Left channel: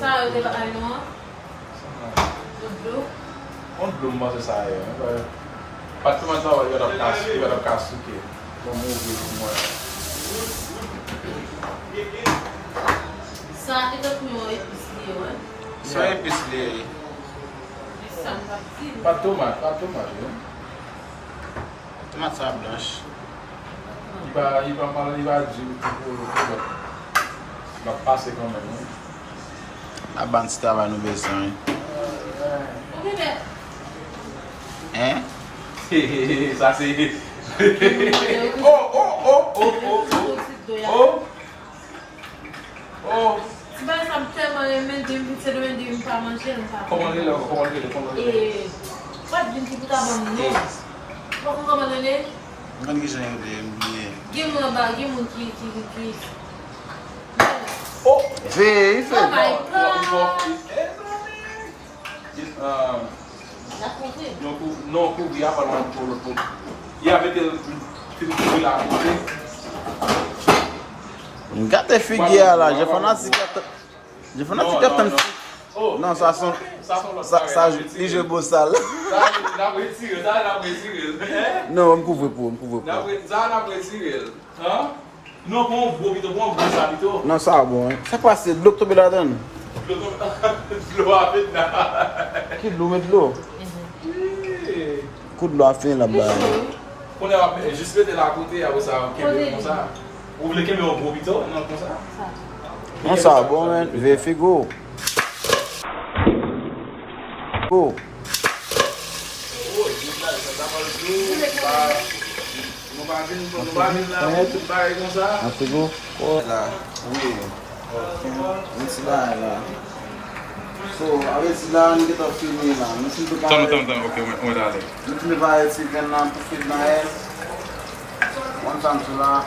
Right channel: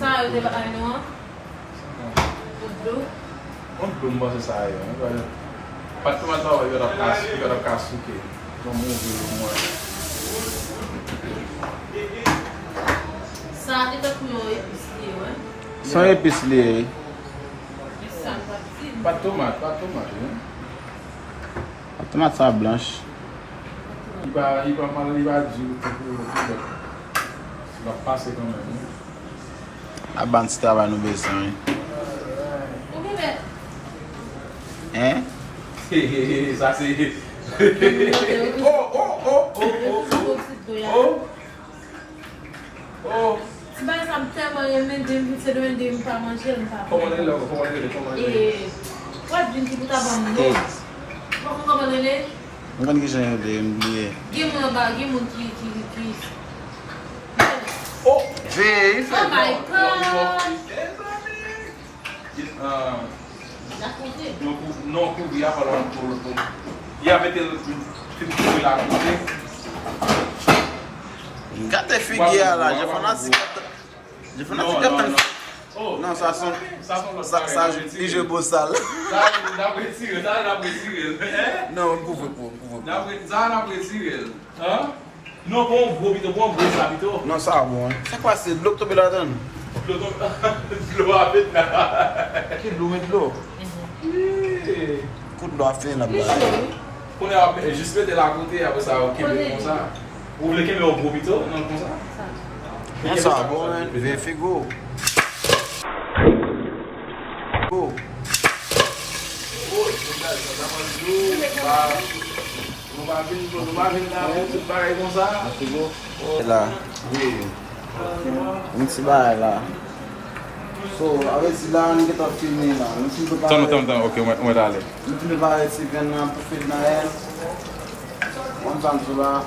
Sa yo de la ay no? On belum masuk saya. Pas teman tahu ada kasus ke, mobil semua. Sa ito kuno ipis yo eh. Só épice. Sa patin. Pas tomat ya. Tomate sa blanche. Iba mal iba jiu tu. Va passer quand même. A ban si travail nou besan. O que é? Hein? Ça c'est. Oh. Se ba sa mtema yo men de mi se do men de mi pa manger nta. Comment il est? What din ki buta ban no. Comment ele? Mwen ki jen yo de mbliye. Give mo ki. Oh. Ve, Oh my god. La coupe. Non, il y a pas pour. Il y a mettre la Mwen gate figye la, je fana si gatan. Oh. Non, sa son, sa ije bosal. Ça n'a pas tiré. Non, mwen pouve pou. Ça n'a pas tiré. Hein? Non, bon, gros habito. Non, sa bon. Sa kwa se, blok tobe la den? L'eau a fait là. Ki blou met blou? Kou blou a fin la bla. On a juste mettre la côté après ça, ok, comme ça. Vous voulez qu'il y ait un gros bito? Non, comme ça. Non, sa bon men, ve figo. Go. A figo? La. Mwen si ba la. So, ave si la, ni get a filme la. Mwen si be ba... Tamo, ok, on va aller. Mwen si be ba eti ven nan pou film nan el. Wan tam sou la.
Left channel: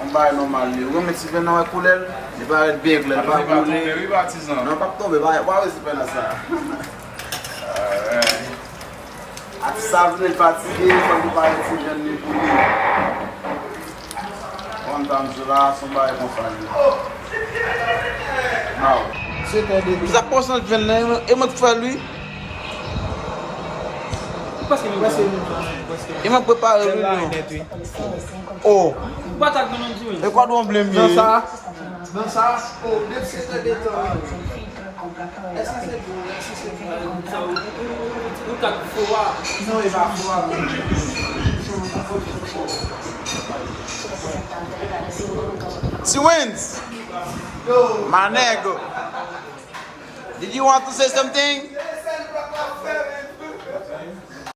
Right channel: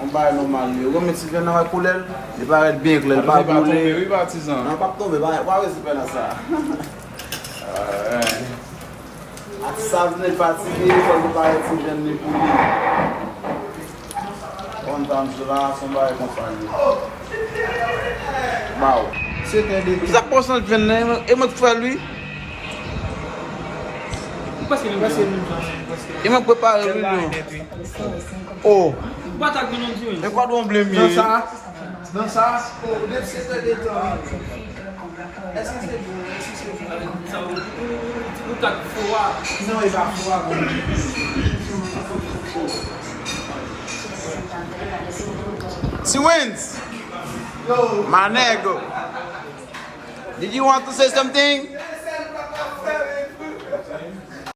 On ba normal li. Ou gen meti ven nan wè koulel. Li ba et big le. Après, il va tomber, oui, baptisant. Nan pa tobe, wè si ven nan sa. Ati sa vene fatige, kon li ba eti ven ni pou li. Wan tam sou la, son ba et konsan li. Baw. Sa posan ven nan, e mwen fè lui. E mwen prepare lui nou. Oh. E kwa do mble mi? Dans ça, oh, deve ser dentro. Não, ele vai voar. She wins. My nego. Did you want to say something?